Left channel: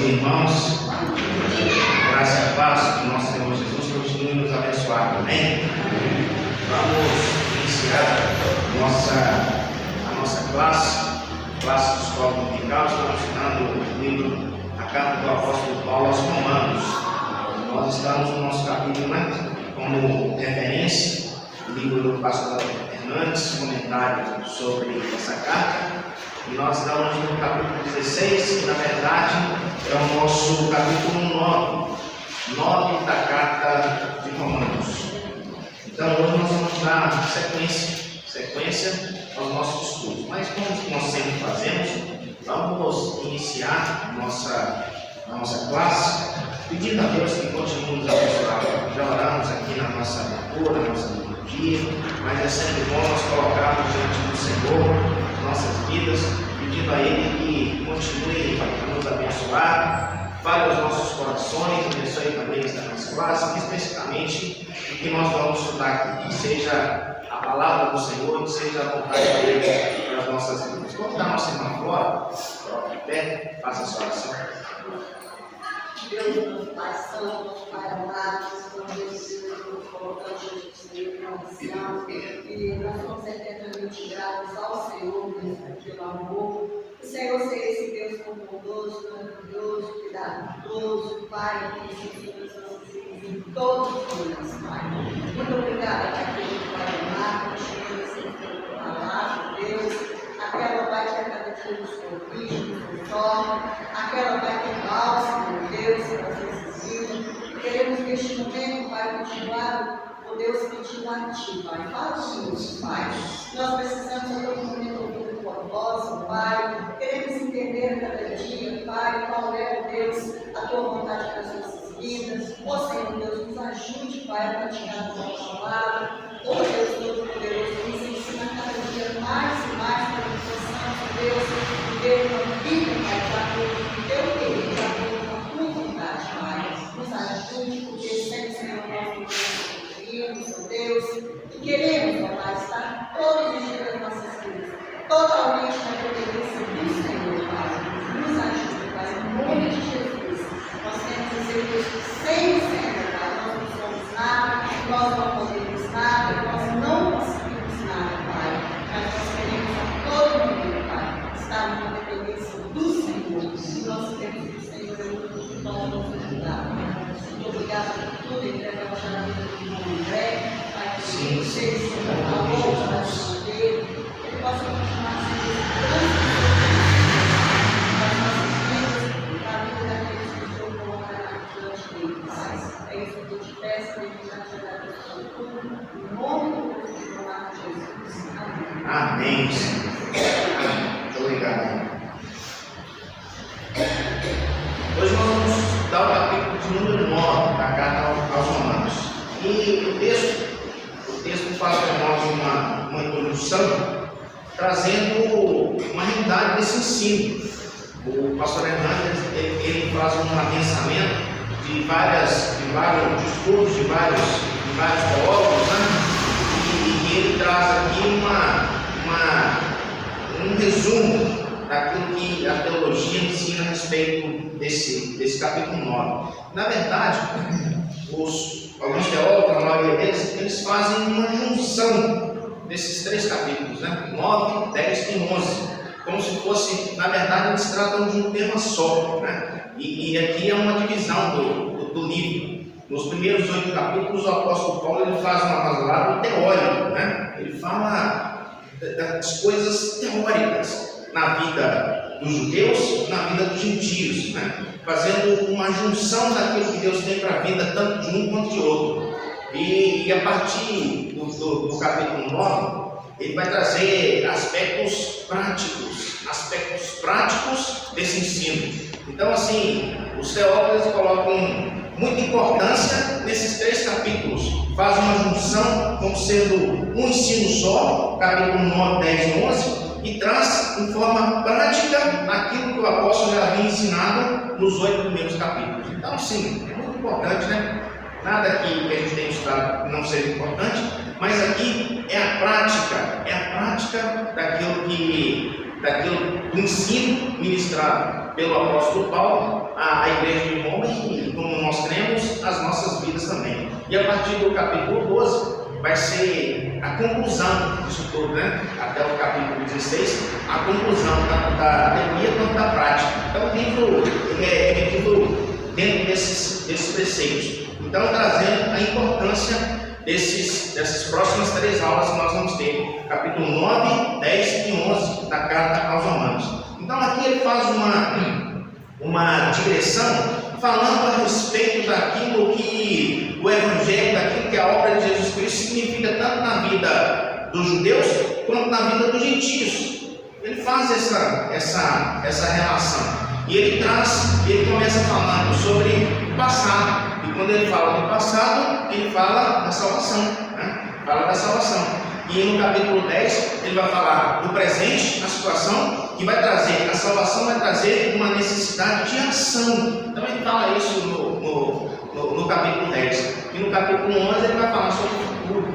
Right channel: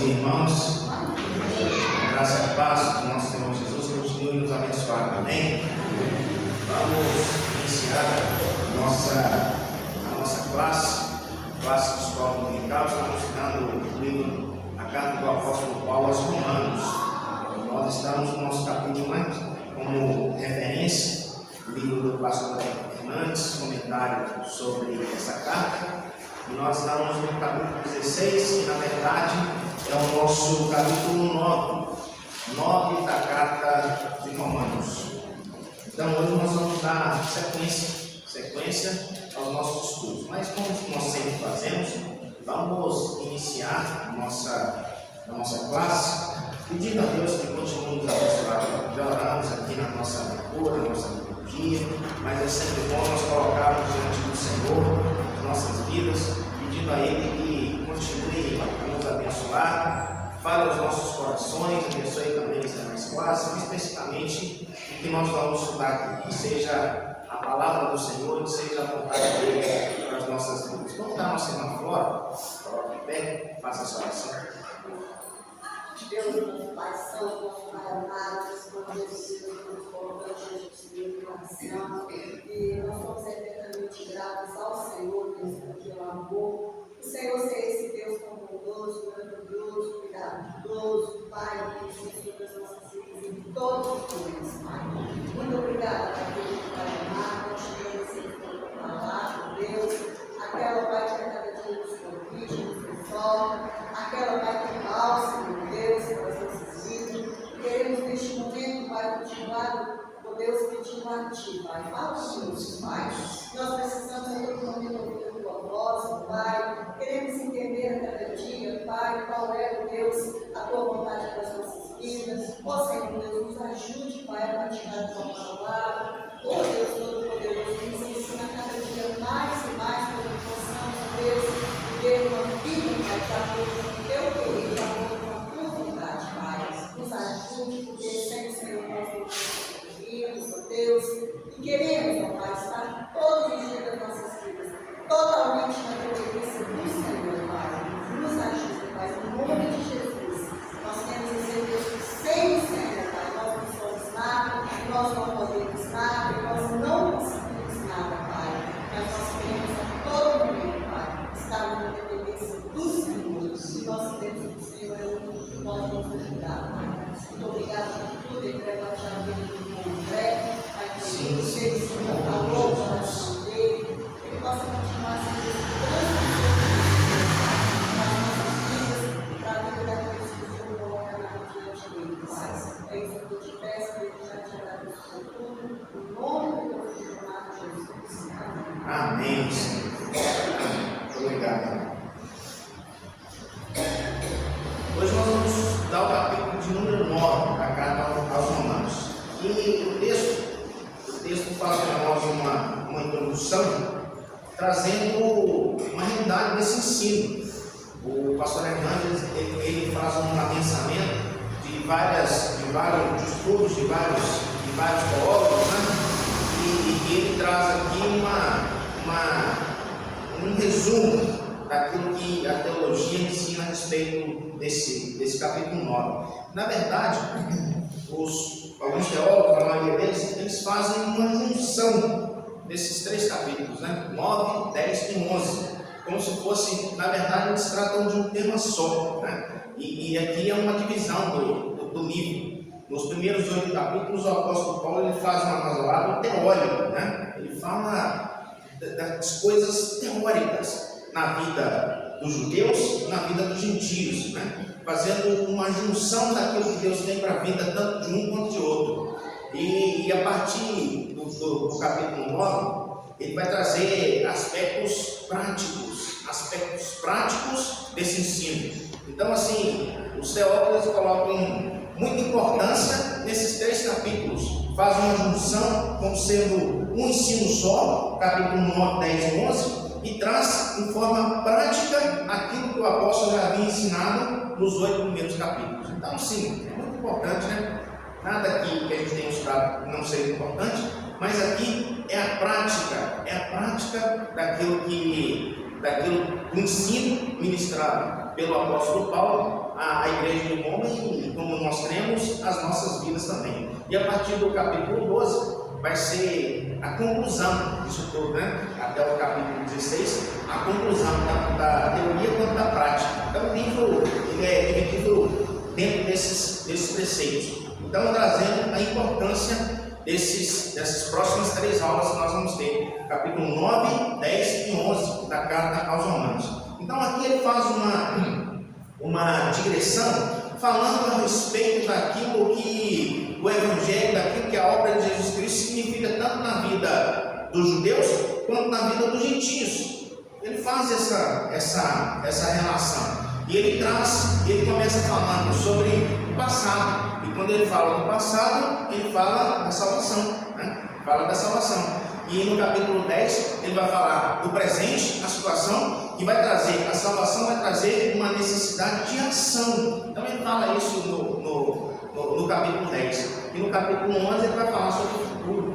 Irmãos, graça e a paz do nosso Senhor Jesus continue nos abençoar, amém? Vamos iniciar a nossa classe de escola dominical. Estamos estudando o livro, a carta do apóstolo Paulo aos Romanos. Nós estamos no nosso capítulo, como referência, o livro do pastor Hernandes, comentário sobre essa carta. E nós estamos no capítulo 16, que na verdade é o nosso capítulo 9 da carta de Romanos. Então hoje nós vamos dar sequência aos nossos estudos. Mas como nós sempre fazemos, vamos iniciar a nossa classe, pedindo a Deus que continue nos abençoando. Já oramos aqui na nossa leitura, na nossa liturgia, mas é sempre bom nós colocarmos diante do Senhor nossas vidas, pedindo a Ele que continue a nos abençoar, fale aos nossos corações, abençoe também esta nossa classe, especificamente o que nós vamos estudar aqui, que seja a palavra do Senhor, que seja a vontade dele para as nossas vidas. Vamos dar uma semana fora, coloque de pé, faça a sua oração. Deus, nosso Pai Santo, nosso Pai amado, como Deus, nós colocamos o Senhor em oração, e nós somos eternamente gratos ao Senhor, Deus, pelo amor. O Senhor seja esse Deus conosco, maravilhoso, cuidadoso, Pai, que necessita das nossas vidas em todos os dias, Pai. Muito obrigada, Pai, pelo Pai amado, por chegar a ser palavra, Deus, aquela, Pai, que a cada dia nos corrige, nos resolve, aquela, Pai, que bálsamo, Deus, nas necessidades. Queremos neste momento, Pai, continuar, Deus, pedindo a Ti, Pai. Fala conosco, Pai. Nós precisamos a todo momento ouvir a Tua voz, Pai. Queremos entender a cada dia, Pai, qual é, Deus, a Tua vontade para as nossas vidas. Ó Senhor, Deus, nos ajude, Pai, a praticar a Tua palavra. Ó Deus Todo-Poderoso, nos ensina cada dia mais e mais para que possamos, Deus, viver uma vida, Pai, de acordo com o Teu querer, de acordo com a Tua vontade, Pai. Nos ajude, porque sempre, Senhor, nós Deus, e queremos, ó Pai, estar todos os dias das nossas vidas, totalmente na dependência do Senhor, Pai. Nos ajude, Pai, no nome de Jesus. Nós temos o seu Deus que sempre, Pai. Nós não somos nada, nós não podemos nada, nós não conseguimos nada, Pai. Mas nós queremos a todo momento, Pai, estar na dependência do Senhor. E nós temos que o Senhor é o que pode nos ajudar, Pai. Muito obrigada por tudo e entrega ao chamamento do André. Sim, seja o Senhor a boca da sua dele, que ele possa continuar sendo grande nas nossas vidas, para a vida daqueles que estão agora diante dele, Pai. É isso que eu te peço, que ele já te agradeço tudo, em nome do teu filho amado Jesus. Amém, Senhor. Muito obrigado. Hoje nós vamos estudar o capítulo de número 9 da carta aos Romanos. E o texto faz para nós uma introdução, trazendo uma realidade desse ensino. O pastor Hernandes ele faz um adensamento de vários estudos, de vários teólogos, e ele traz aqui um resumo daquilo que a teologia ensina a respeito desse capítulo 9. Na verdade, alguns teólogos, a maioria deles, eles fazem uma junção desses três capítulos, 9, 10 e 11, como se fosse, na verdade, eles tratam de um tema só, e aqui é uma divisão do livro. Nos primeiros 8 capítulos, o apóstolo Paulo ele faz uma razoável teórica, ele fala das coisas teóricas na vida dos judeus, na vida dos gentios, fazendo uma junção daquilo que Deus tem para a vida, tanto de um quanto de outro. E a partir do capítulo 9, ele vai trazer aspectos práticos desse ensino. Então, assim, os teólogos colocam muita importância nesses 3 capítulos, fazem uma junção como sendo um ensino só, capítulo 9, 10 e 11, e traz em forma prática aquilo que o apóstolo já havia ensinado nos 8 primeiros capítulos. Então, sim, é muito importante, Nada que a gente tenha estudado não seja importante, mas aqui é a prática daquilo do ensino ministrado pelo apóstolo Paulo à igreja de Roma e, como nós cremos, as nossas vidas também. E a partir do capítulo 12 vai ser a conclusão disso tudo, né? Até o capítulo 16, a conclusão da teoria quanto da prática. Então o livro é dividido dentro desses preceitos. Então, trazendo a importância dessas próximas 3 aulas que nós vamos ter, capítulo 9, 10 e 11 da carta aos Romanos. Então aqui ele faz uma digressão falando a respeito daquilo que o Evangelho, daquilo que a obra de Jesus Cristo significa tanto na vida dos judeus quanto na vida dos gentios. Ele faz essa relação. E ele começa falando sobre o passado. E quando ele fala do passado, ele fala da salvação, né? Fala da salvação. E no capítulo 10, ele vai falar do presente, a situação, que vai trazer, a salvação vai trazer uma necessidade de ação. Então ele fala isso no capítulo 10. E no capítulo 11 ele vai falar sobre o futuro,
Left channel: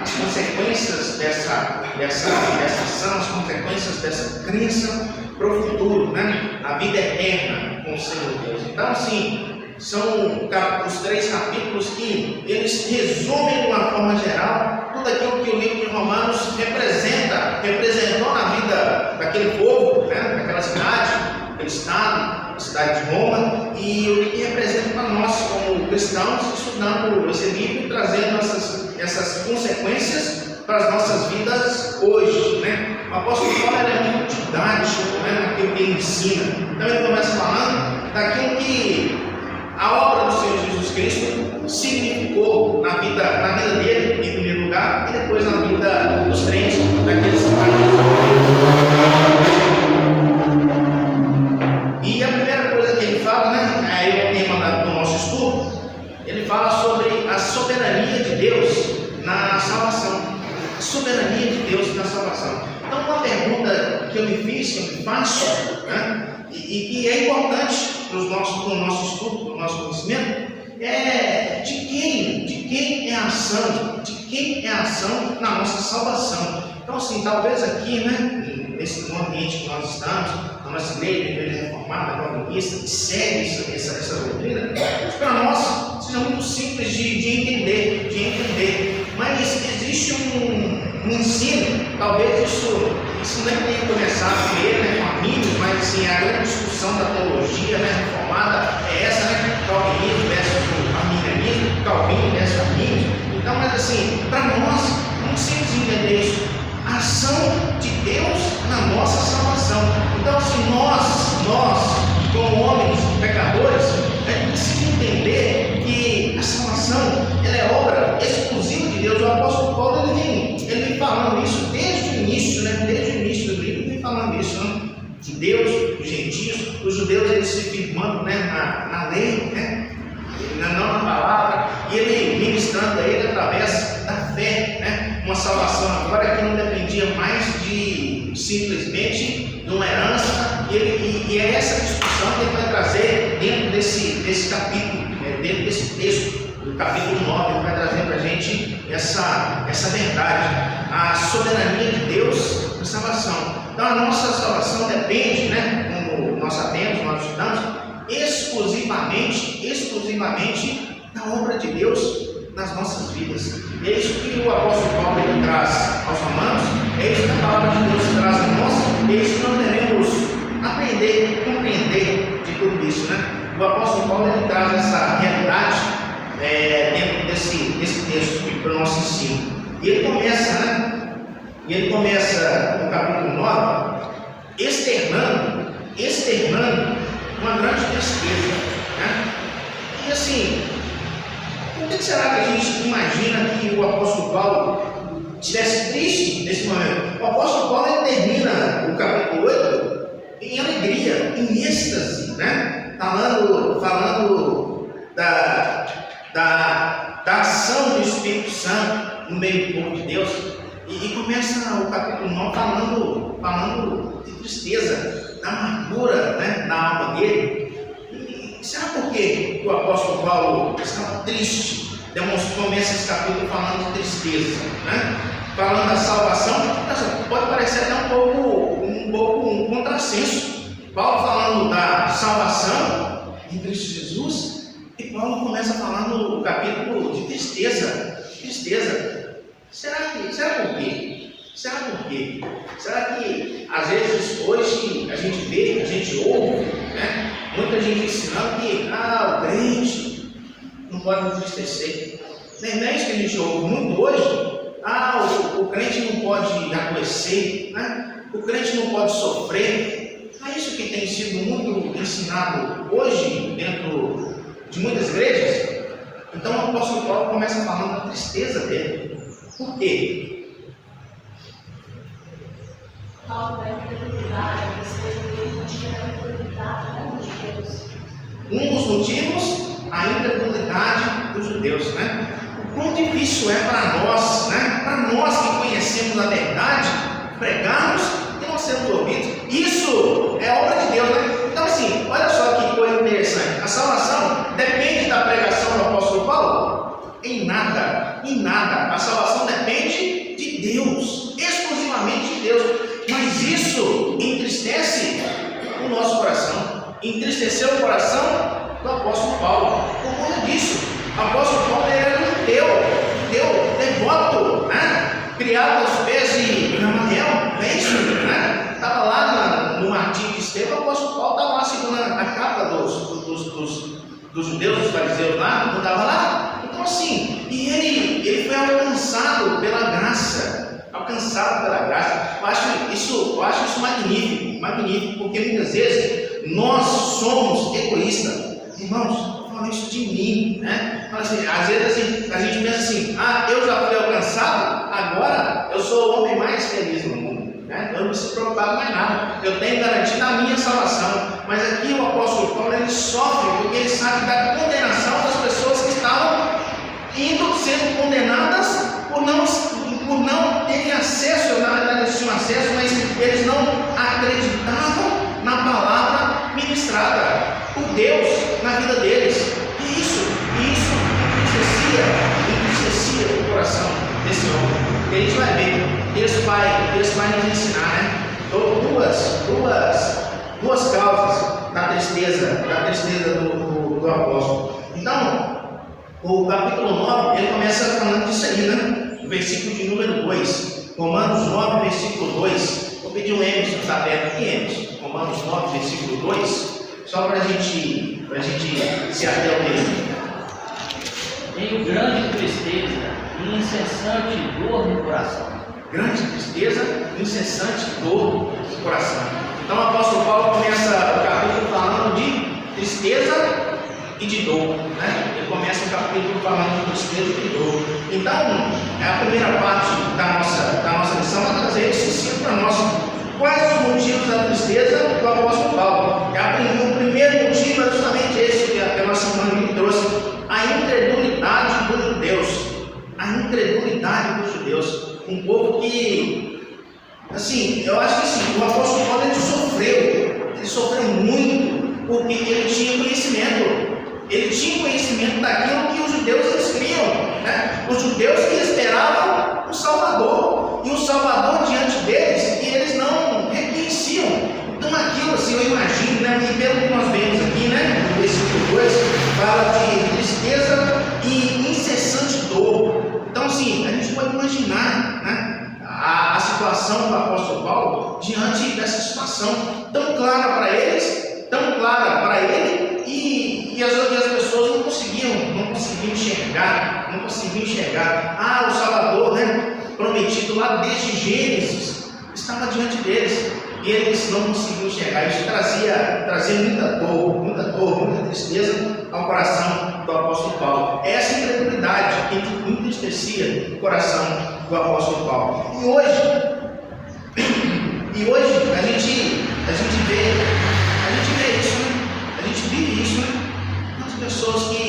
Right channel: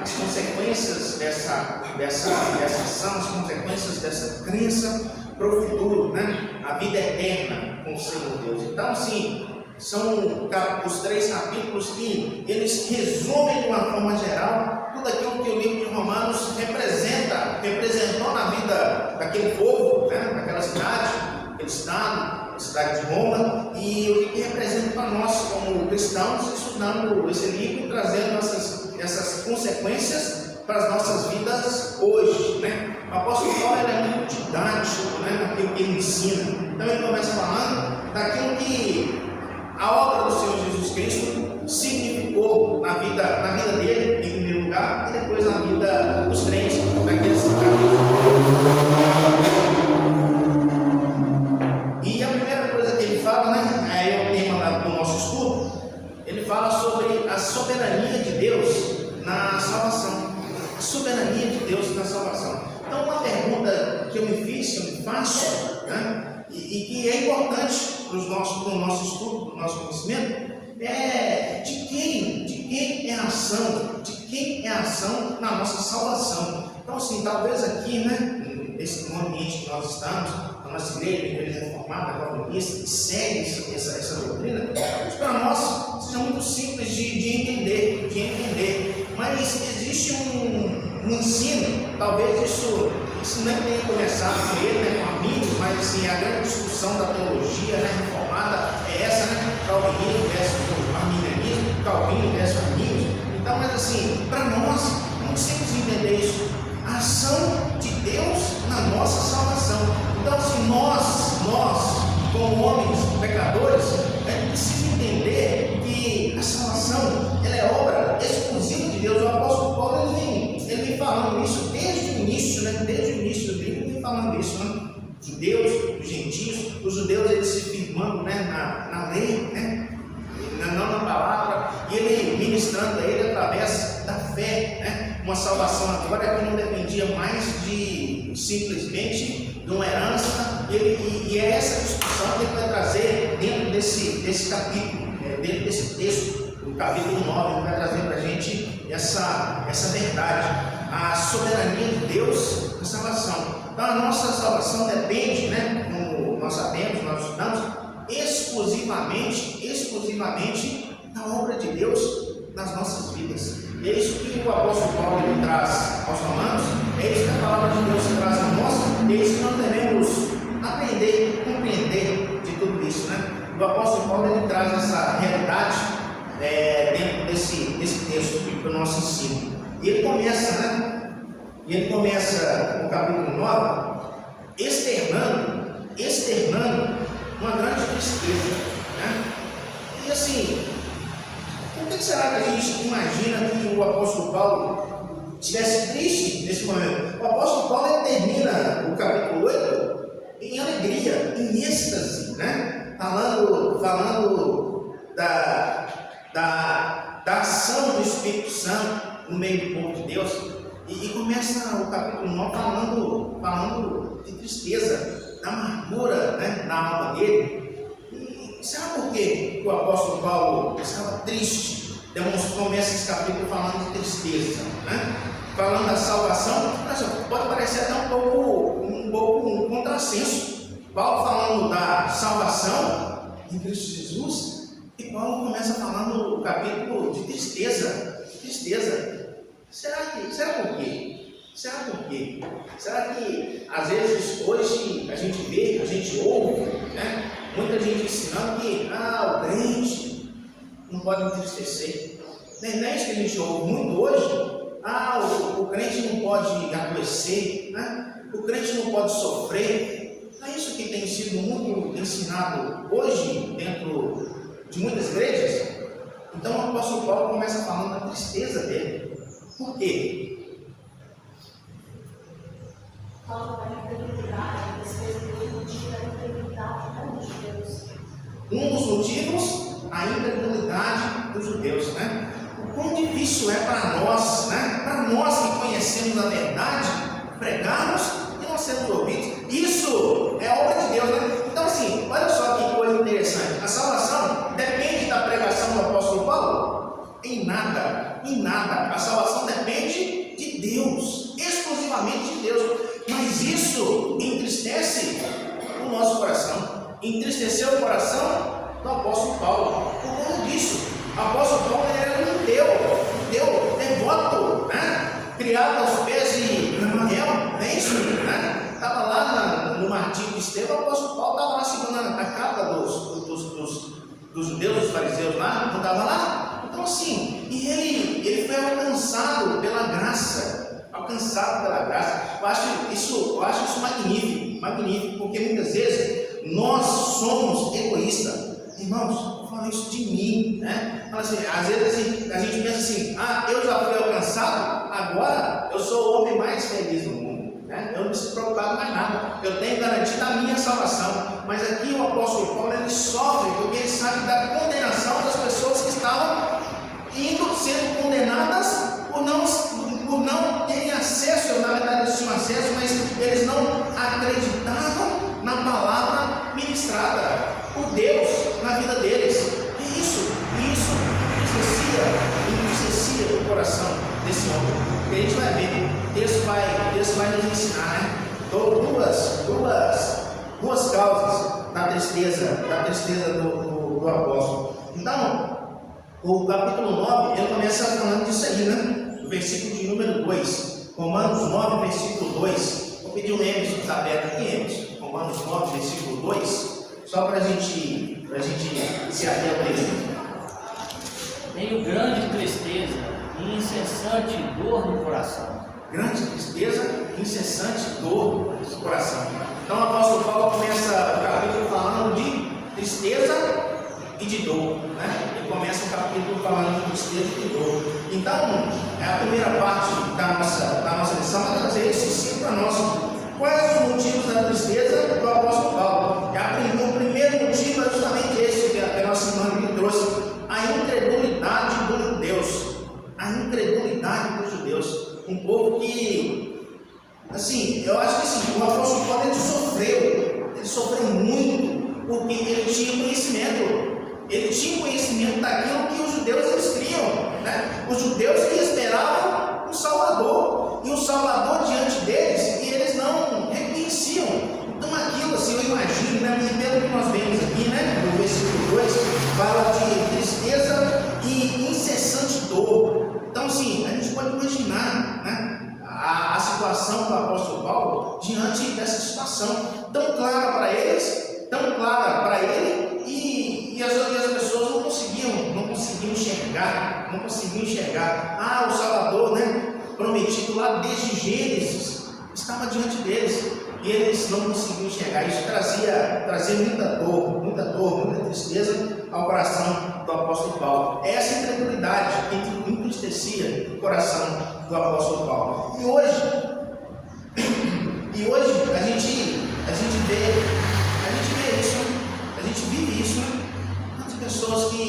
as consequências dessa ação, as consequências dessa crença para o futuro, né? A vida eterna com o Senhor Deus. Então, assim, são os 3 capítulos que eles resumem de uma forma geral tudo aquilo que o livro de Romanos representou na vida daquele povo, né? Daquela cidade, aquele estado, a cidade de Roma, e o que representa para nós como cristãos, estudando esse livro e trazendo essas consequências para as nossas vidas hoje, né? O apóstolo Paulo é muito didático, né, naquilo que ele ensina. Então ele começa falando daquilo que a obra do Senhor Jesus Cristo significou na vida dele, em primeiro lugar, e depois na vida dos crentes, daqueles que E a primeira coisa que ele fala, né, é o tema do nosso estudo, ele fala sobre a soberania de Deus na salvação. A soberania de Deus na salvação. Então, uma pergunta que eu me faço, né, e que é importante para o nosso estudo, para o nosso conhecimento, é de quem é a ação na nossa salvação. Então, assim, talvez aqui, né, nesse ambiente que nós estamos, na nossa igreja reformada, calvinista, que segue essa doutrina, para nós seja muito simples de entender, mas existe um ensino, talvez isso nem tenha começado com ele, né, com amigos, mas assim, a grande discussão da teologia, né, reformada é essa, né? Calvinismo versus arminianismo, Calvino versus arminianismo. Então, mas assim, para nós, não simples entender isso, a ação de Deus na nossa salvação. Então, assim, nós como homens pecadores, a gente precisa entender que a salvação ela é obra exclusiva de Deus. O apóstolo Paulo ele vem falando isso desde o início, né? Desde o início do livro, ele vem falando isso, né? Judeus, os gentios, os judeus eles se firmando, né, na lei, né, não na palavra, e ele ministrando a ele através da fé, né, uma salvação agora que não dependia mais de simplesmente de uma herança, e é essa discussão que ele vai trazer dentro desse capítulo, né, dentro desse texto, do capítulo 9, ele vai trazer para a gente essa verdade, a soberania de Deus na salvação. Então a nossa salvação depende, né, como nós sabemos, nós estudamos, exclusivamente da obra de Deus nas nossas vidas. E é isso que o apóstolo Paulo traz aos Romanos, é isso que a palavra de Deus traz a nós, e é isso que nós devemos aprender e compreender de tudo isso, né? O apóstolo Paulo ele traz essa realidade dentro desse texto para o nosso ensino. E ele começa no capítulo 9, externando uma grande tristeza, né? E assim, por que será que a gente imagina que o apóstolo Paulo estivesse triste nesse momento? O apóstolo Paulo ele termina o capítulo 8 em alegria, em êxtase, né? Falando da ação do Espírito Santo no meio do povo de Deus. E começa o capítulo 9 falando de tristeza, da amargura, né, na alma dele. E será por que o apóstolo Paulo estava triste? Começa esse capítulo falando de tristeza, né? Falando da salvação, mas pode parecer até um pouco um contrassenso, Paulo falando da salvação em Cristo Jesus, e Paulo começa a falar no capítulo de tristeza. Será por quê? Será que às vezes hoje a gente vê, a gente ouve, né, muita gente ensinando que o crente não pode entristecer? Não é isso que a gente ouve muito hoje? O crente não pode adoecer, né? O crente não pode sofrer. Não é isso que tem sido muito ensinado hoje dentro de muitas igrejas? Então o apóstolo Paulo começa falando da tristeza dele. Por quê? Falta da incredulidade, a tristeza dele não tinha a incredulidade, né, dos judeus. Um dos motivos, a incredulidade dos judeus, né? Quão difícil é para nós, né? Para nós que conhecemos a verdade, pregarmos e não sermos ouvidos. Isso é obra de Deus, né? Então, assim, olha só que coisa interessante. A salvação depende da pregação do apóstolo Paulo? Em nada. A salvação depende de Deus, exclusivamente de Deus. Mas isso entristece o nosso coração, entristeceu o coração do apóstolo Paulo. Por conta disso, o apóstolo Paulo era um judeu devoto, né? Criado aos pés de Gamaliel, é isso, né? Estava lá no martírio de Estevão. O apóstolo Paulo estava lá segurando a capa dos judeus, dos fariseus lá, não estava lá? Então, assim, e ele foi alcançado pela graça. Eu acho isso magnífico, porque muitas vezes nós somos egoístas. Irmãos, estou falando isso de mim, né? Assim, às vezes a gente pensa assim, eu já fui alcançado, agora eu sou o homem mais feliz do mundo, né? Eu não preciso preocupar mais nada, eu tenho garantido a minha salvação. Mas aqui o apóstolo Paulo, ele sofre porque ele sabe da condenação das pessoas que estavam sendo condenadas por não terem acesso. Na verdade eles tinham acesso, mas eles não acreditavam na palavra ministrada por Deus na vida deles. E isso entristecia o coração desse homem. E a gente vai ver, Deus vai nos ensinar, né? Duas causas da tristeza do apóstolo. Então, o capítulo 9, ele começa falando disso aí, né? O versículo de número 2. Romanos 9, versículo 2. Vou pedir um Emerson que está aberto aqui, Emerson. Romanos 9, versículo 2. Só para a gente se ater ao texto. Tenho grande tristeza e incessante dor no coração. Grande tristeza, incessante dor no coração. Então o apóstolo Paulo começa o capítulo falando de tristeza e de dor, né? Ele começa o capítulo falando de tristeza e de dor. Então, a primeira parte da nossa lição vai trazer esse ensino para nós. Quais os motivos da tristeza do apóstolo Paulo? O primeiro motivo é justamente esse que a nossa irmã me trouxe: a incredulidade dos judeus. A incredulidade dos judeus. Um povo que, assim, eu acho que assim, o apóstolo Paulo ele sofreu muito, porque ele tinha conhecimento. Ele tinha conhecimento daquilo que os judeus eles criam, né? Os judeus que esperavam um Salvador, e um Salvador diante deles, e eles não reconheciam. Então aquilo, assim, eu imagino, né? E pelo que nós vemos aqui, né? No versículo 2, fala de tristeza e incessante dor. Então, assim, a gente pode imaginar, né, a situação do apóstolo Paulo diante dessa situação tão clara para eles, tão clara para ele, e as pessoas não conseguiam enxergar. O Salvador, né, prometido lá desde Gênesis, estava diante deles, e eles não conseguiam enxergar. Isso trazia muita dor, muita tristeza ao coração do apóstolo Paulo. Essa incredulidade que entristecia o coração do apóstolo Paulo. E hoje a gente vê isso, né? A gente vive isso, né? Muitas pessoas que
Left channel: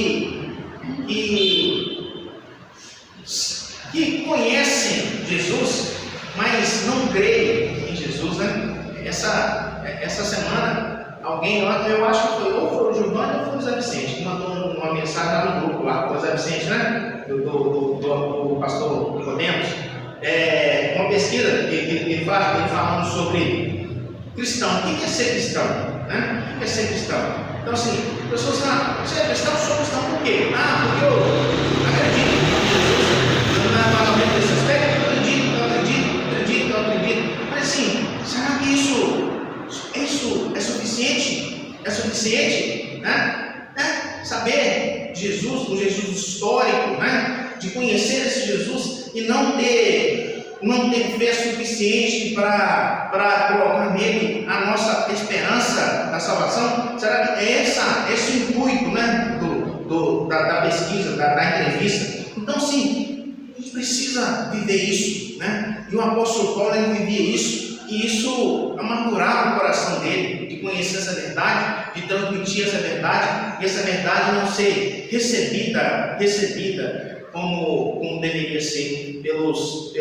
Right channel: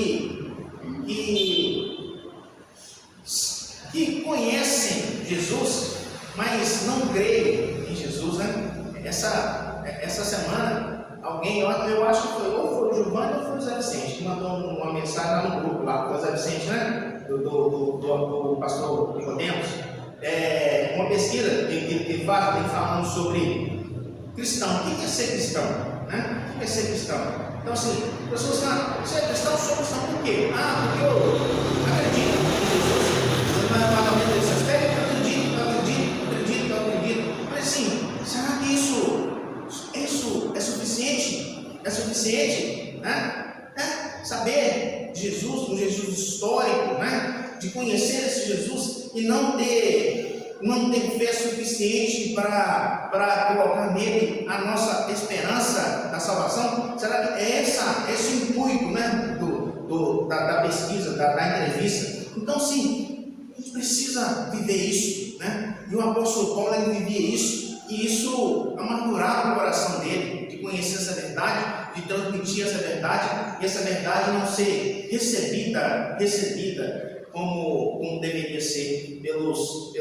conhecem Jesus, mas não creem em Jesus, né? Essa semana, alguém lá, eu acho que foi o Giovanni ou foi o Zé Vicente, que mandou uma mensagem lá no grupo, lá, foi o Zé Vicente, né? Do pastor Nicodemos. Uma pesquisa que ele falando sobre cristão. O que é ser cristão? né? O que é ser cristão? Então, assim, pessoas falam, você é cristão? Sou cristão por quê? Porque eu acredito. Não é pagamento de sustento? Eu acredito. Mas, assim, será que isso é suficiente? É suficiente, né? Saber de Jesus, um Jesus histórico, né? De conhecer esse Jesus e não ter fé suficiente para colocar nele a nossa esperança da salvação. Será que é esse o intuito, né? Da pesquisa, da entrevista? Então, sim, a gente precisa viver isso, né? E o apóstolo Paulo, ele vivia isso. E isso amargurava o coração dele, de conhecer essa verdade, de transmitir essa verdade, e essa verdade não ser recebida como deveria ser pelos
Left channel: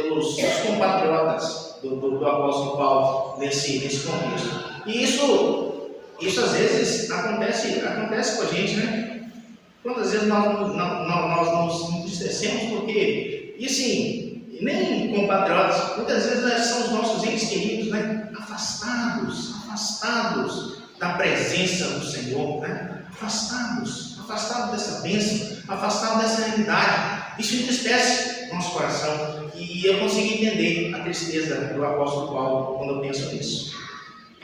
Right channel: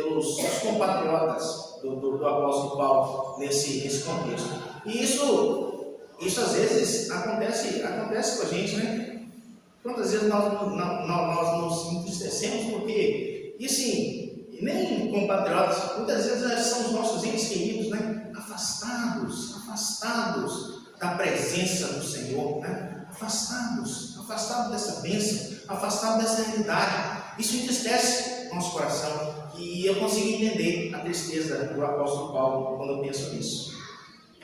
compatriotas do apóstolo Paulo nesse contexto. E isso às vezes acontece com a gente, né? Quantas vezes nós nos entristecemos porque, e assim, nem compatriotas, muitas vezes são os nossos entes queridos, né? Afastados da presença do Senhor, né? Afastados dessa bênção, afastados dessa realidade. Isso entristece nosso coração. E eu consegui entender a tristeza do apóstolo Paulo quando eu penso nisso.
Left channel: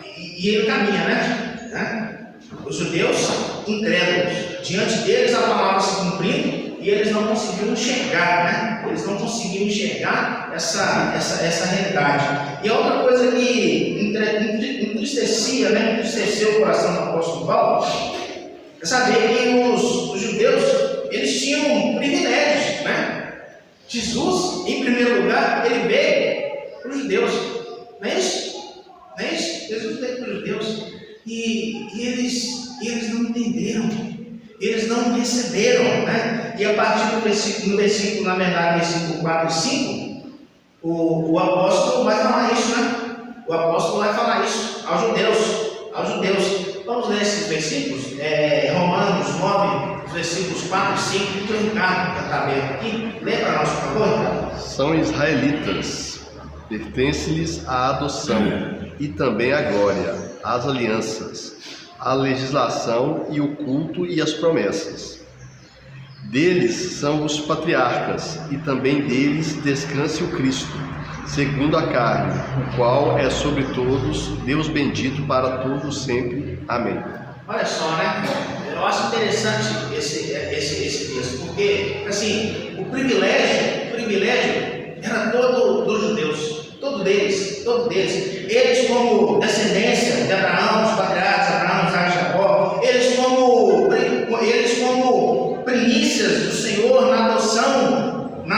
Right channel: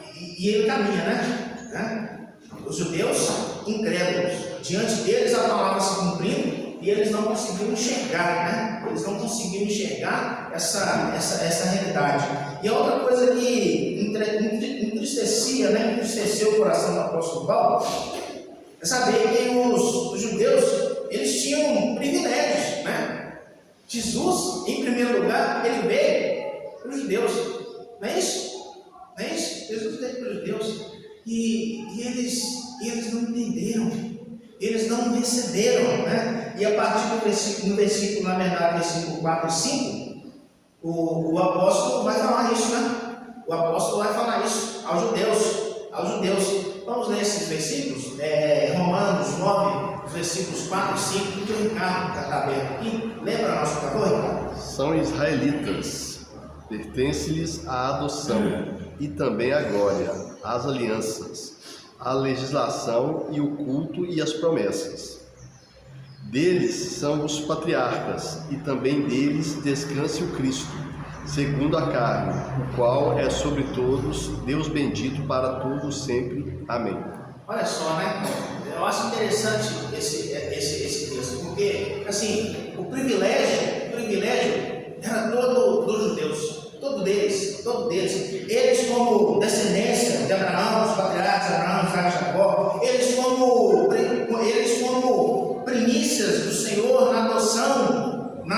E ele caminha, né? Os judeus incrédulos, diante deles a palavra se cumprindo, e eles não conseguiam enxergar, né? Eles não conseguiam enxergar essa realidade. E a outra coisa que entristeceu o coração do apóstolo Paulo é saber que os judeus, eles tinham privilégios, né? Jesus, em primeiro lugar, ele veio para os judeus, não é isso? Jesus veio para os judeus, e eles não entenderam, eles não receberam, né? E a partir do versículo, na verdade, versículo 4 e 5, o apóstolo vai falar isso, né? O apóstolo vai falar isso aos judeus. Vamos ler esses versículos? Romanos 9, versículos 4 e 5, que o Ricardo está aberto aqui. Lê para nós, por favor, Ricardo. São israelitas, pertence-lhes a adoção e também a glória, as alianças, a legislação e o culto e as promessas. Deles são os patriarcas, e também deles descanse o Cristo, segundo a carne, o qual é sobre todos, Deus bendito para todos sempre. Amém. Olha só, né? Eu acho interessante esse texto, porque, assim, o privilégio era todo dos judeus, todo deles. Eles, como descendência de Abraão, dos patriarcas, Abraão, Isaac e Jacó, eles como primícias do Senhor na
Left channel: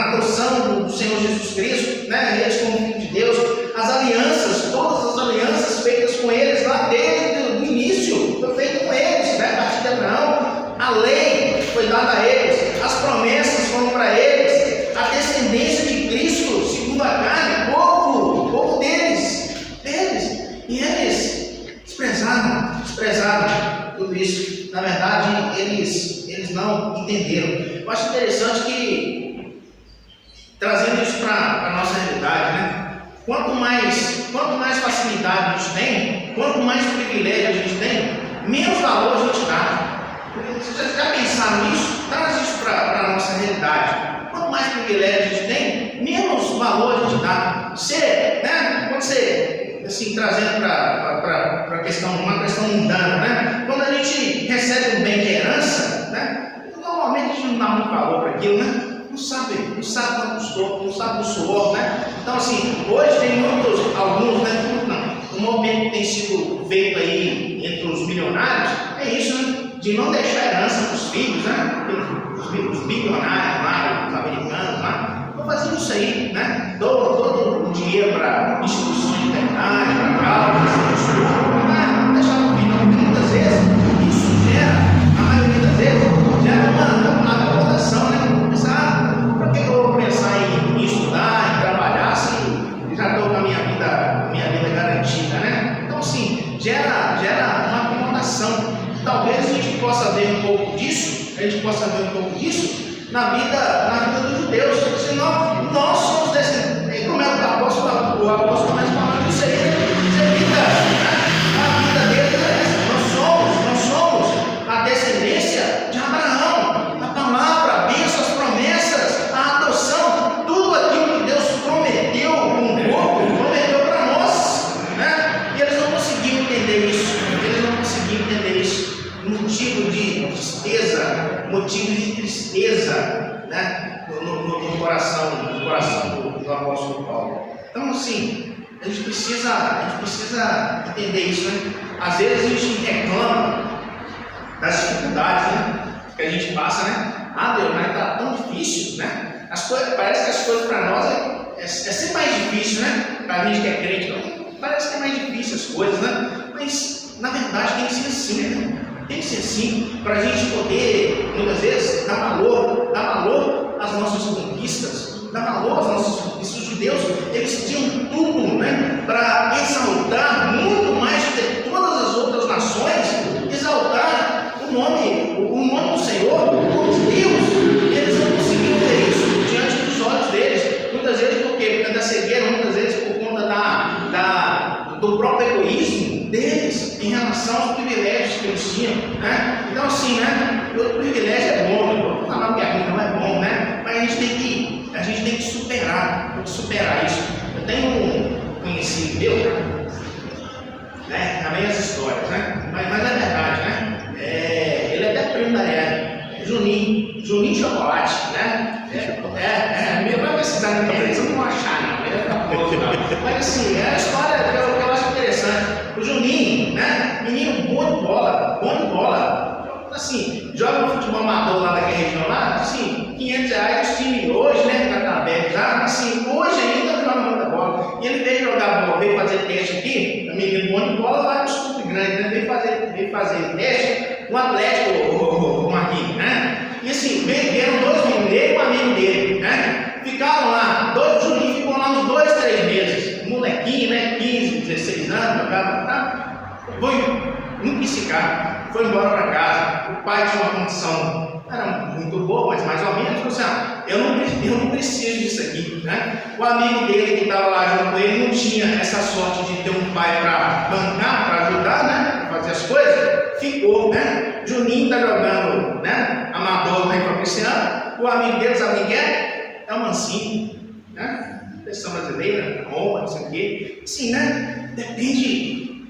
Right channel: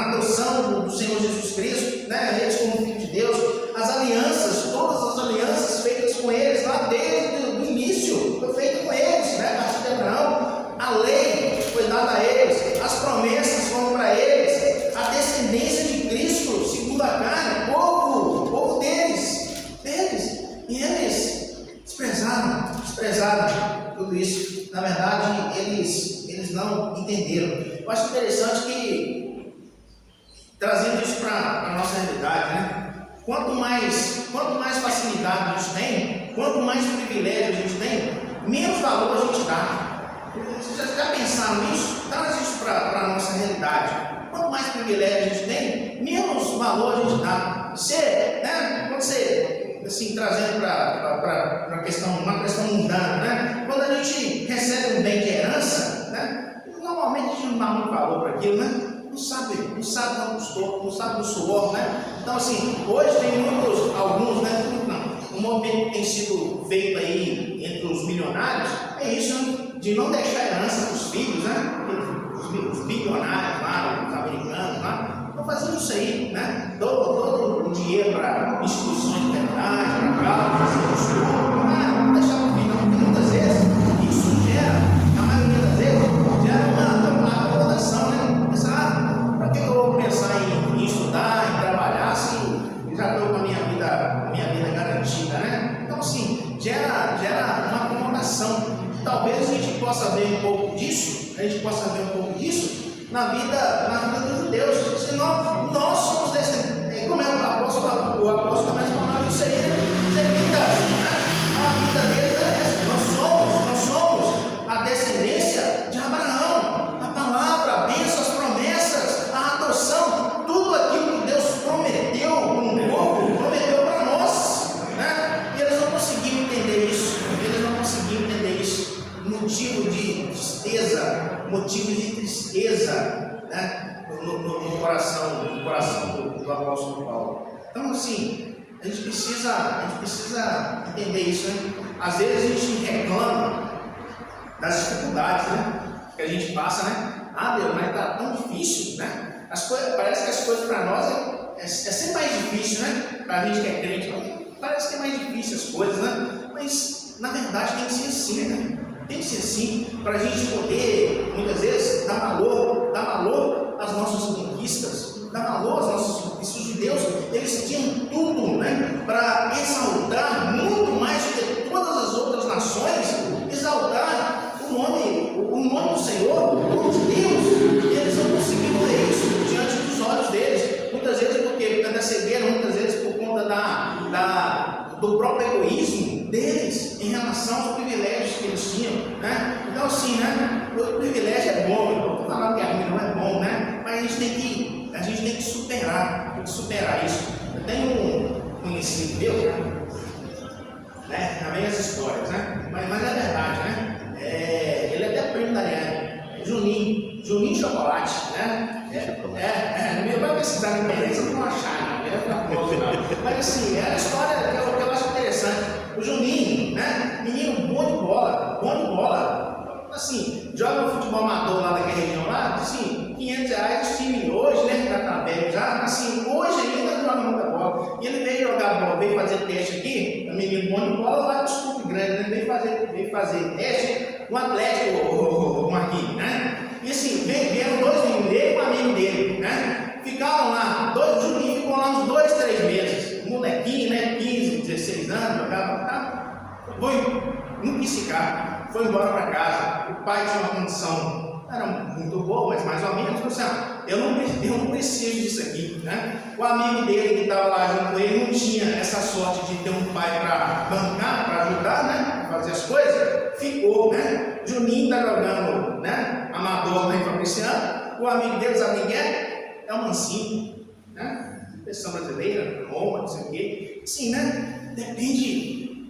adoção do Senhor Jesus Cristo, né? Eles como filho de Deus, as alianças, todas as alianças feitas com eles lá desde o início, foi feito com eles, né? A partir de Abraão, a lei foi dada a eles, as promessas foram para eles, a descendência de Cristo, segundo a carne, povo deles, e eles desprezaram tudo isso. Na verdade, eles não entenderam. Eu acho interessante que, trazendo isso para a nossa realidade, né? Quanto mais facilidade a gente tem, quanto mais privilégio a gente tem, menos valor a gente dá. Vocês já pensaram nisso? Traz isso para a nossa realidade. Quanto mais privilégio a gente tem, menos valor a gente dá. Quando você, assim, trazendo para uma questão mundana, né? Quando a gente recebe um bem de herança, né? Normalmente a gente não dá muito valor para aquilo, né? Não sabe quanto custou, não sabe do suor, né? Então, assim, hoje tem alguns, né? O movimento que tem sido feito aí entre os milionários é isso, né? De não deixar herança para os filhos, né? Os bilionários lá, os americanos lá, estão fazendo isso aí, né? Todo o dinheiro para instituições de caridade, para causas, estudo, não deixar para o filho, porque muitas vezes isso gera, na maioria das vezes, gera uma acomodação, né? Por que eu vou pensar em estudar, em trabalhar, se já estou com a minha vida garantida, né? Então, assim, gera uma acomodação. Talvez a gente possa ver um pouco disso, na vida dos judeus, senão nós somos descendentes. Como é que o apóstolo começa falando isso aí, a vida deles é essa, nós motivo de tristeza, né, no coração do apóstolo Paulo. Então, assim, a gente precisa entender isso, né? Às vezes a gente reclama das dificuldades, né, que a gente passa, né? Ah, Deus, mas está tão difícil, né? Parece que as coisas para nós é sempre mais difícil, né? Para a gente que é crente, parece que é mais difícil as coisas, né? Mas na verdade tem que ser assim, né? Tem que ser assim, para a gente poder, muitas vezes, dar valor às nossas conquistas, dar valor às nossas conquistas. Os judeus, eles tinham tudo, né, para exaltar muito mais de todas as outras nações, exaltar o nome do Senhor, os Deus. Eles não conseguiam ver isso diante dos olhos deles, muitas vezes por conta da cegueira, muitas vezes por conta do próprio egoísmo deles em relação aos privilégios que eles tinham, né? Então, assim, né, o privilégio é bom, não estou falando que a vida não é bom, né? Mas a gente tem que superar isso. Eu tenho um conhecido meu, né? Também as histórias, né? Mas na verdade, né? Ele é até primo da Ariane, Juninho Chocolate, né? Minha vai precisar de internet, eu não vou achar, não. Ele é famoso, mas assim, é a história que eu acho interessante. O Juninho, né? Menino bom de bola. Assim, joga no futebol amador lá daquela região lá, assim, R$500 o time hoje, né? Que tá aberto já, assim, hoje ainda joga muita bola. E ele veio jogar bola, veio fazer teste aqui, o menino bom de bola lá no Estúdio Grande, né? Veio fazer teste no Atlético, o Marquinhos, né? E assim, vieram dois meninos dele e um amigo dele, né? Ficaram lá, o Juninho ficou lá uns 2-3 meses, molequinho, né? 15, 16 anos, jogava, tá? Não quis ficar, foi embora para casa. O pai tinha uma condição, era muito boa, mas mais ou menos, falou assim: eu não preciso disso aqui, né? O amigo dele que estava lá junto com ele não tinha essa sorte de ter um pai para bancar, para ajudar, né? Fazer as coisas, ficou, né? Juninho está jogando, né? Amador lá em Fabriciano. O amigo dele, sabe quem é? É o Mancinho, né? Seleção brasileira, Roma, não sei o quê. Assim, né? Depende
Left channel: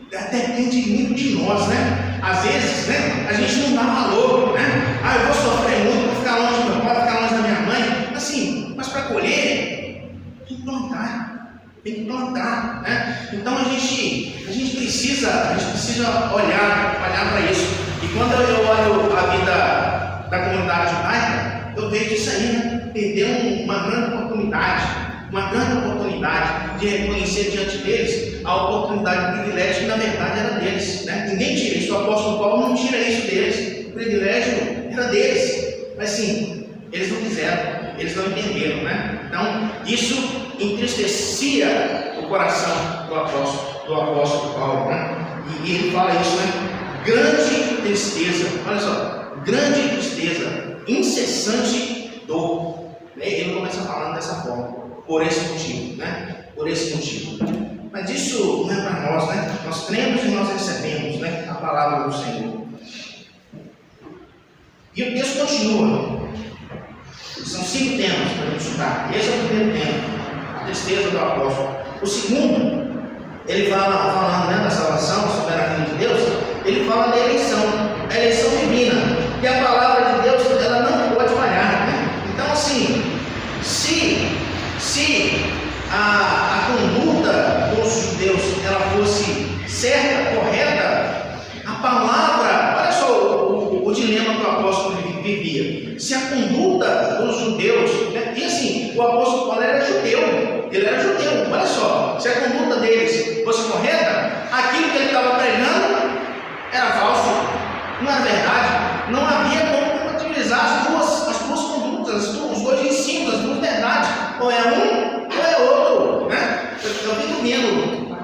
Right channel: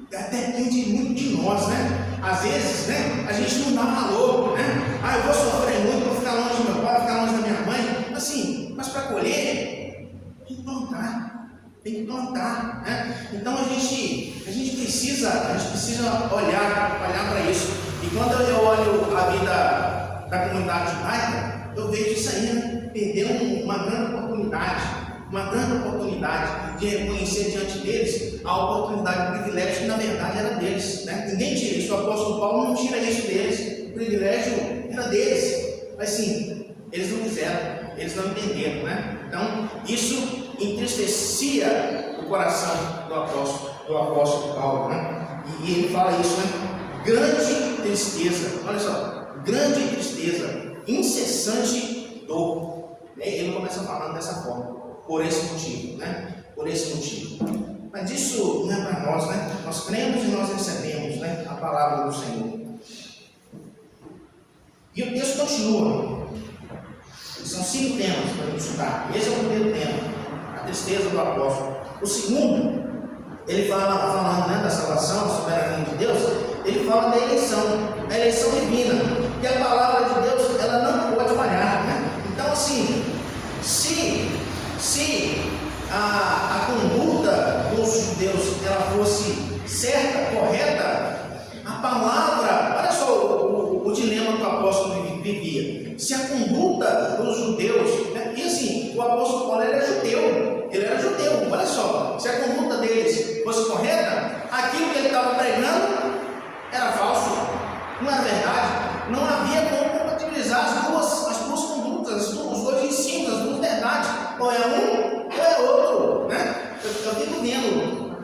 muito de nós, né? Às vezes, né? A gente não dá valor, né? Ah, eu vou sofrer muito, vou ficar longe do meu pai, vou ficar longe da minha mãe. Assim, mas para colher, tem que plantar, né? Então a gente precisa olhar para isso. E quando eu olho a vida da comunidade judaica, eu vejo isso aí, né? Perdeu uma grande oportunidade de reconhecer diante deles a oportunidade de privilégio que na verdade era deles, né? Ninguém tira isso, o apóstolo Paulo não tira isso deles, o privilégio era deles, mas sim, eles não quiseram, eles não entenderam, né? Então isso entristecia o coração do apóstolo Paulo, né? E ele fala isso, né? Grande tristeza, olha só, grande tristeza, incessante dor. Ele começa falando dessa forma, por esse motivo, né? Por esse motivo. Mas isso não é para nós, né? Nós cremos e nós recebemos, né, a palavra do Senhor. E o texto continua. São 5 temas para a gente estudar. Esse é o primeiro tema, a tristeza do apóstolo. O segundo, ele fala, falando, né, da salvação, da soberania de Deus, ele fala da eleição, a eleição divina, que a palavra de Deus ela não pode falhar, né? Então, assim, se a conduta dos judeus ela fosse certa, correta, a palavra, olha só o dilema que o apóstolo vivia. Se a conduta dos judeus, né, e assim, o apóstolo Paulo era judeu, olha só, se a conduta deles fosse correta, aquilo que ele estava pregando era falso, não era verdade, não havia como compatibilizar as duas condutas, os dois ensinos, as duas verdades, ou é um ou é outro, né? Eu fico vendo,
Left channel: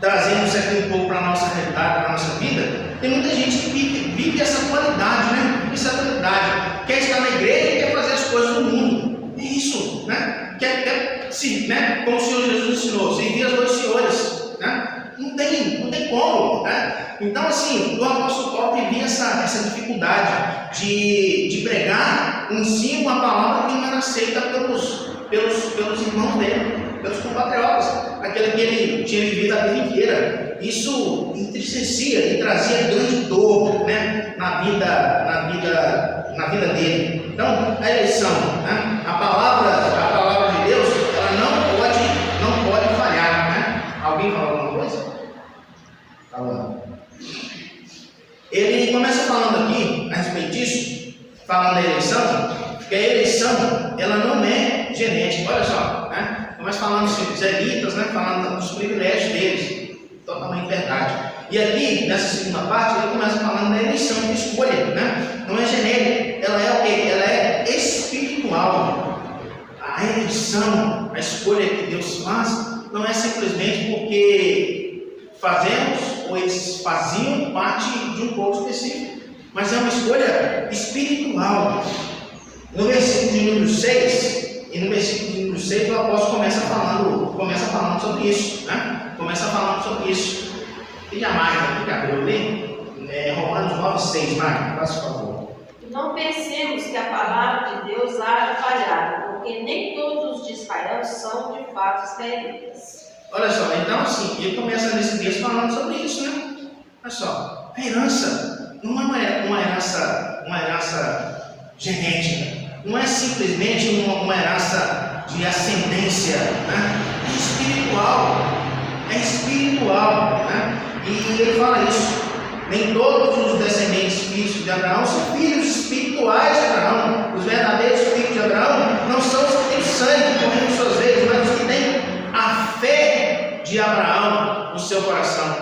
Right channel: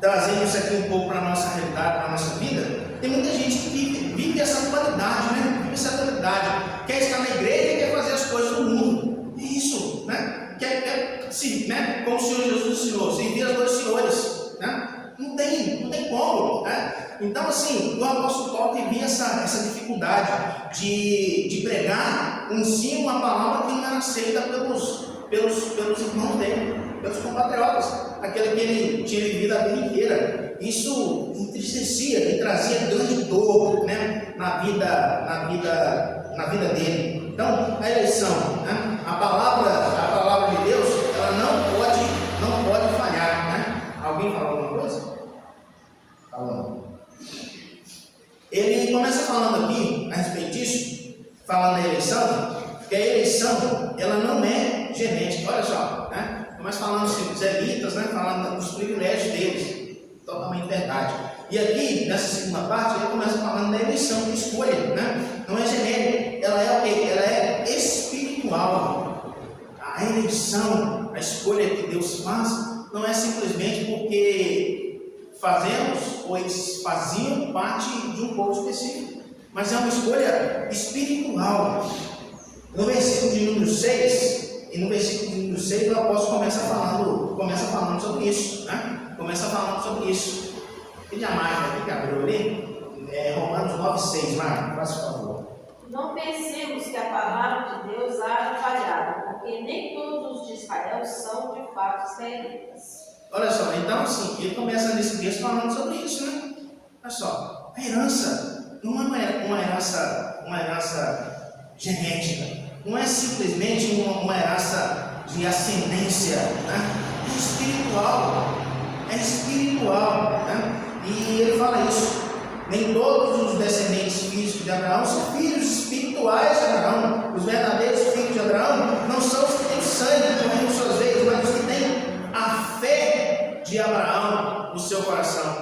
trazendo isso aqui um pouco para a nossa realidade, para a nossa vida, tem muita gente que vive essa qualidade, né? Vive essa qualidade, quer estar na igreja e quer fazer as coisas do mundo, é isso, né? Quer né? Como o Senhor Jesus ensinou, servir as dois senhores, né? Não tem como, né? Então, assim, o apóstolo Paulo vivia essa dificuldade de pregar em si uma palavra que não era aceita pelos irmãos dele, pelos compatriotas, aquele que ele tinha vivido a vida inteira. Isso entristecia e trazia grande dor, né, na vida vida dele. Então, a eleição, né? A palavra de Deus, ela não pode falhar, né? Alguém fala alguma coisa? Falando. Ele começa falando aqui a respeito disso, falando da eleição, que a eleição, ela não é genética. Olha só, né? Começa falando dos israelitas, né? Falando dos privilégios deles, totalmente verdade. E aqui, nessa segunda parte, ele começa falando da eleição, de escolha, né? Não é genérica, ela é o quê? Ela é espiritual. A eleição, a escolha que Deus faz, não é simplesmente porque fazemos ou eles faziam parte de um povo específico, mas é uma escolha espiritual. No versículo de número 6, e no versículo de número 6, o apóstolo começa falando sobre isso, né? Começa falando sobre isso. E a Mário, que abriu ali, Romanos 9:6, Mário, faça o favor. Não pensemos que a palavra de Deus há de falhar, porque nem todos os de Israel são de fato israelitas. Olha só, então assim, ele começa nesse texto falando sobre isso, né? Olha só, a herança não é uma herança genética, não é simplesmente uma herança de ascendência, né? É espiritual, né? E ele fala isso. Nem todos os descendentes físicos de Abraão são filhos espirituais de Abraão. Os verdadeiros filhos de Abraão não são os que têm sangue, correndo suas veias, mas os que têm a fé de Abraão no seu coração.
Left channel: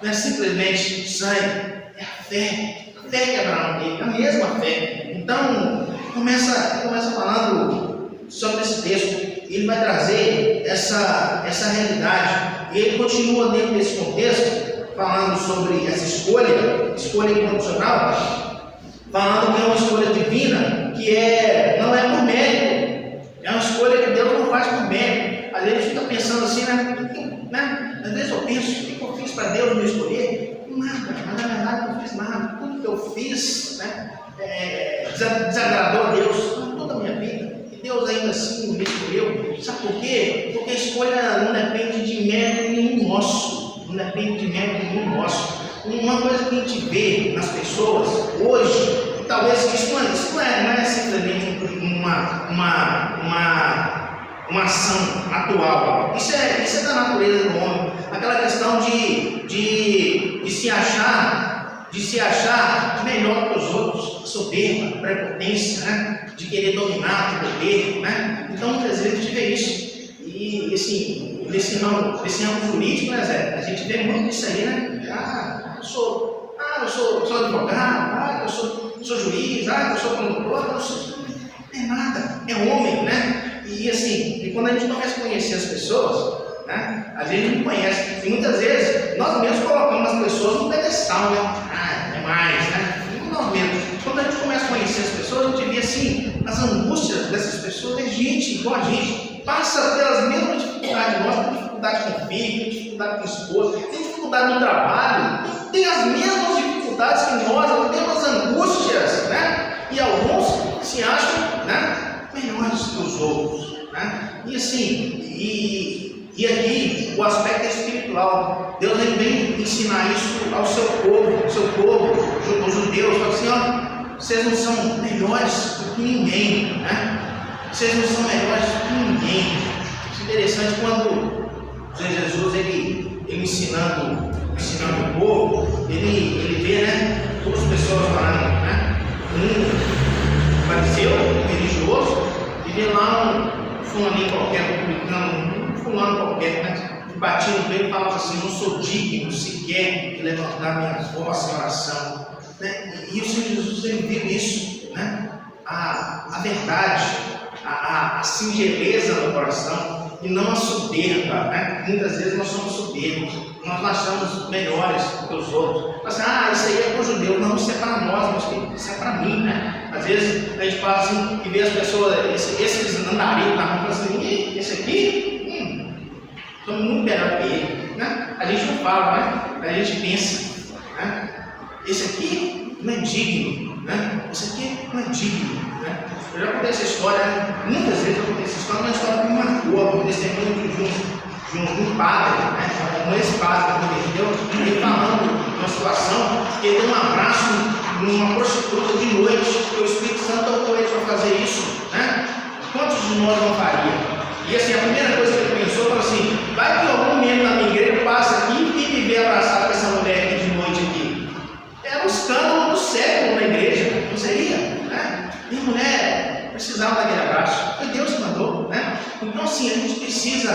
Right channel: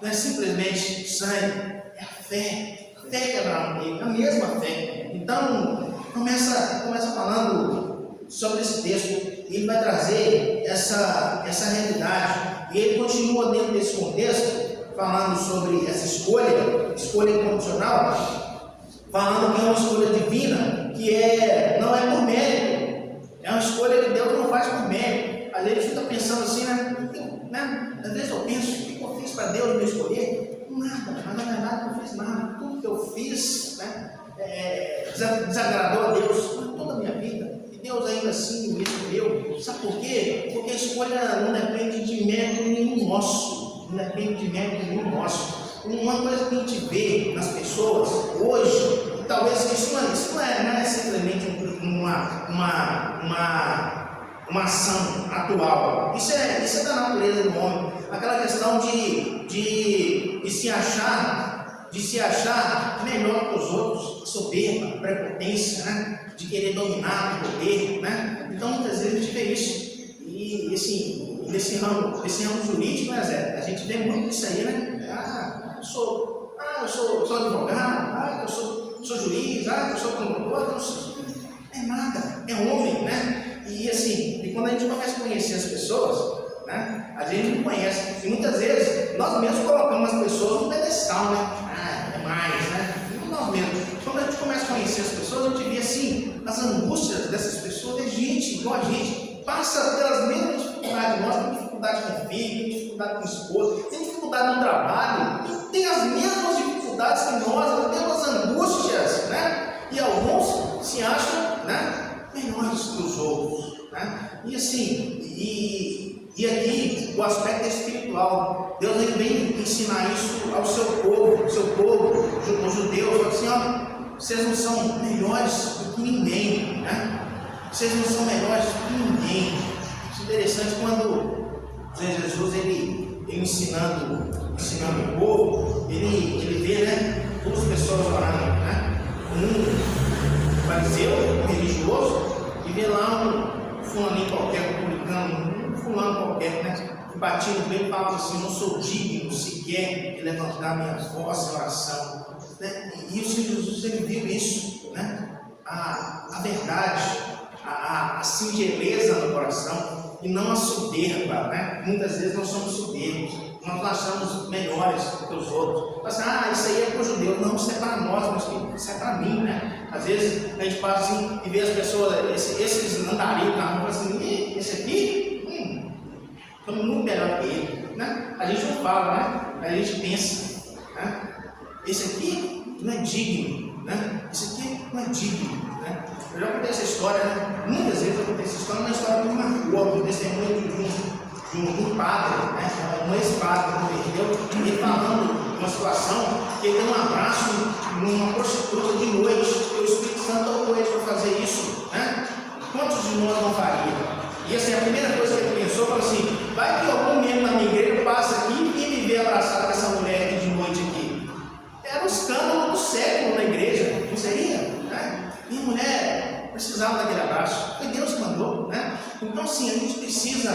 Não é simplesmente sangue, é a fé que Abraão teve, a mesma fé. Então, começa falando sobre esse texto. Ele vai trazer essa realidade. E ele continua dentro desse contexto, falando sobre essa escolha incondicional, falando que é uma escolha divina, que não é por mérito, é uma escolha que Deus não faz por mérito. Às vezes a gente fica pensando assim, né? Às vezes eu penso, o que eu fiz para Deus me escolher? Nada, mas na verdade eu não fiz nada. Tudo que eu fiz, né, desagradou a Deus toda a minha vida. Deus ainda assim me escolheu. Sabe por quê? Porque a escolha não depende de mérito nenhum nosso. Não depende de mérito nenhum nosso. Uma coisa que a gente vê nas pessoas hoje, talvez isso não é simplesmente uma ação atual. Isso é da natureza do homem. Aquela questão de se achar melhor que os outros, soberba, prepotência, né? De querer dominar o poder, né? Então muitas vezes a gente vê isso. E assim, nesse ramo jurídico, né, Zé? A gente vê muito isso aí, né? Eu sou advogado, eu sou juiz, eu sou promotor, é nada, é homem, né? E assim, quando a gente começa a conhecer as pessoas, né? A gente não conhece. E muitas vezes nós mesmos colocamos as pessoas no pedestal, né? É mais, né? Nós mesmos. Quando a gente começa a conhecer as pessoas, a gente vê assim, as angústias dessas pessoas. É gente igual a gente, passa pelas mesmas dificuldades nossas, tem dificuldade com o filho, tem dificuldade com o esposo, tem dificuldade no trabalho, tem as mesmas dificuldades que nós temos angústias, né? E alguns se acham, né, melhores que os outros, né? E assim, e aqui o aspecto espiritual. Deus ele vem ensinar isso ao seu povo, os judeus. Fala assim, ó, vocês não são melhores do que ninguém, né? Vocês não são melhores do que ninguém. Isso é interessante quando o Senhor Jesus ele ensinando o povo, ele vê, né, duas pessoas orando, né? Um fariseu, religioso, e vê lá um fulaninho qualquer, publicano, um fulano qualquer, né? Batia no peito e falava assim, não sou digno sequer de levantar minha voz em oração, né? E o Senhor Jesus ele viu isso, né? A verdade, a singeleza no coração e não a soberba, né? Muitas vezes nós somos soberbos, nós achamos melhores do que os outros. Assim, isso aí é para os judeus, não, isso é para nós, isso é para mim, né? Às vezes a gente passa assim e vê as pessoas, esses andarilhos na rua, assim, esse aqui, somos muito melhor que ele, né? A gente não fala, né? A gente pensa, né? Esse aqui não é digno, né? Esse aqui não é digno, né? Eu já contei essa história, né? Muitas vezes eu contei essa história, uma história que me marcou, um testemunho de um padre, né? Um ex-padre que ele falando de uma situação que ele deu um abraço numa prostituta de noite, que o Espírito Santo assim, a primeira coisa que ele pensou foi assim: vai que algum membro da minha igreja passa aqui e me vê abraçado com essa mulher aqui de noite aqui. Era um escândalo do século da igreja, não seria? Né? E a mulher precisava daquele abraço. Foi Deus que mandou, né? Então, assim, a gente precisa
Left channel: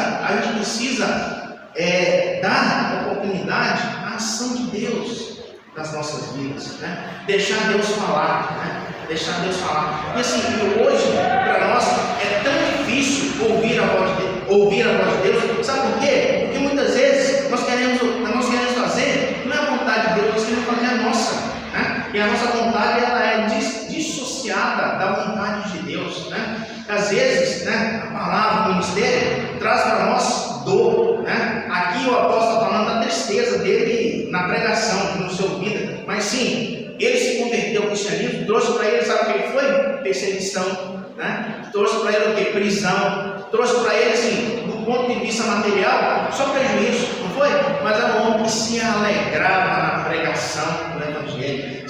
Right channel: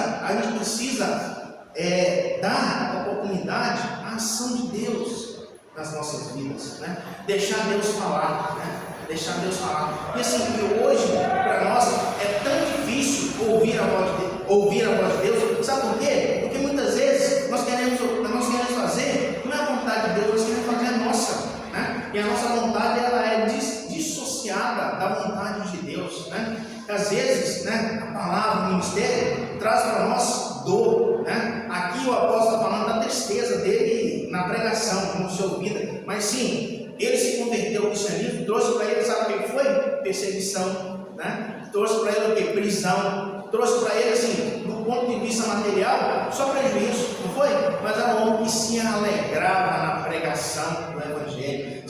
dar oportunidade à ação de Deus nas nossas vidas, né? Deixar Deus falar, né? Deixar Deus falar. E assim, hoje, para nós, é tão difícil ouvir a voz de Deus. Sabe por quê? Porque muitas vezes nós queremos fazer, não é a vontade de Deus, nós queremos fazer a nossa, né? E a nossa vontade, ela é dissociada da vontade de Deus, né? Às vezes, né, a palavra, o ministério, traz para nós dor, né? Aqui o apóstolo está falando da tristeza dele na pregação, no seu vida, mas sim, ele se converteu ao cristianismo, trouxe para ele, sabe o que ele foi? Perseguição, né? Trouxe para ele o que? Prisão, trouxe para ele, assim, do ponto de vista material, só prejuízo, não foi? Mas era um homem que se alegrava na pregação do Evangelho,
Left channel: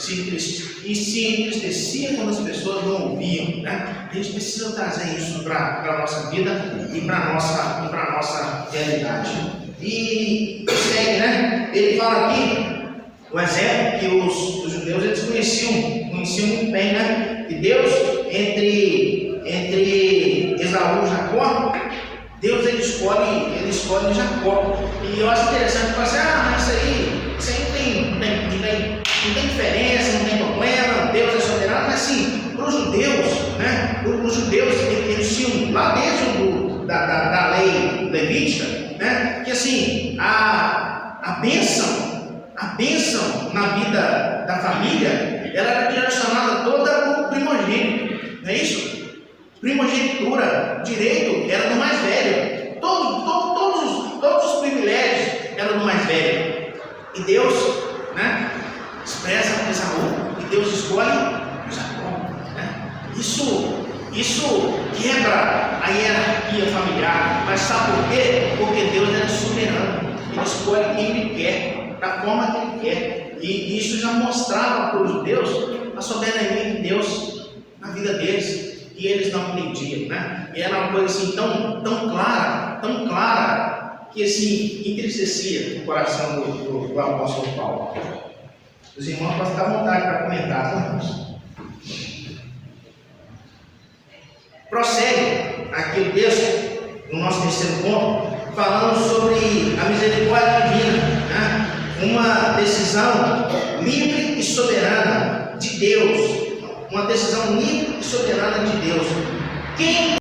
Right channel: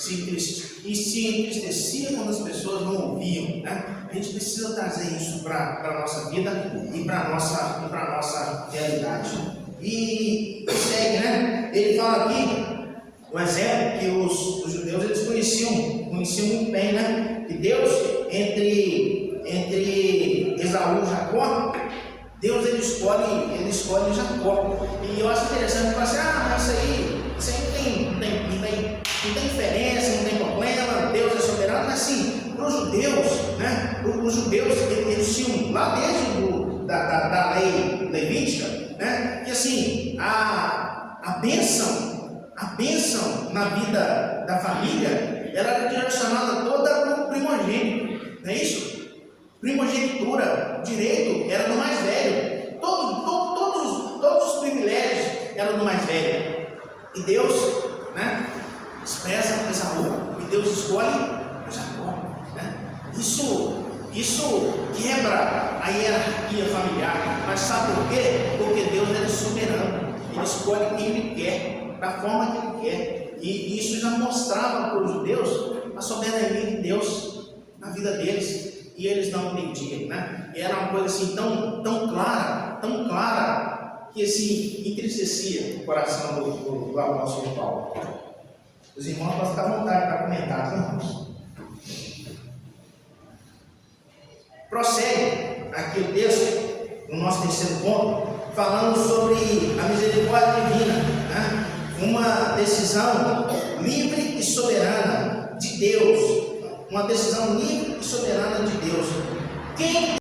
e se entristecia quando as pessoas não ouviam, né? A gente precisa trazer isso para a nossa vida e para a nossa realidade. E segue, né? Ele fala aqui, o exemplo que os judeus eles conheciam muito bem, né? Que Deus, entre Esaú e Jacó, Deus ele escolhe Jacó. E eu acho interessante falar assim: mas isso aí não tem diferença, não tem problema, Deus é soberano. Mas assim, para os judeus, né? Os judeus eles tinham lá dentro da lei levítica, né? Que assim, a bênção na vida da família, ela era direcionada toda para o primogênito, não é isso? Primogenitura, direito era do mais velho, todos os privilégios eram do mais velho. E Deus, né, expressa Esaú, e Deus escolhe Jacó, né? Isso quebra a hierarquia familiar, mas sabe por quê? Porque Deus é soberano, Ele escolhe quem Ele quer, da forma que Ele quer, e isso já mostrava para os judeus a soberania de Deus na vida deles. E eles não entendiam, né? E era uma coisa assim tão clara, que assim entristecia o coração do apóstolo Paulo. Os irmãos podem ficar à vontade para comentar, tá, irmãos? Prossegue aqui o texto, no nosso terceiro ponto, falando sobre a misericórdia divina, né? Uma decisão livre e soberana de Deus. Uma decisão livre e soberana de Deus. Quem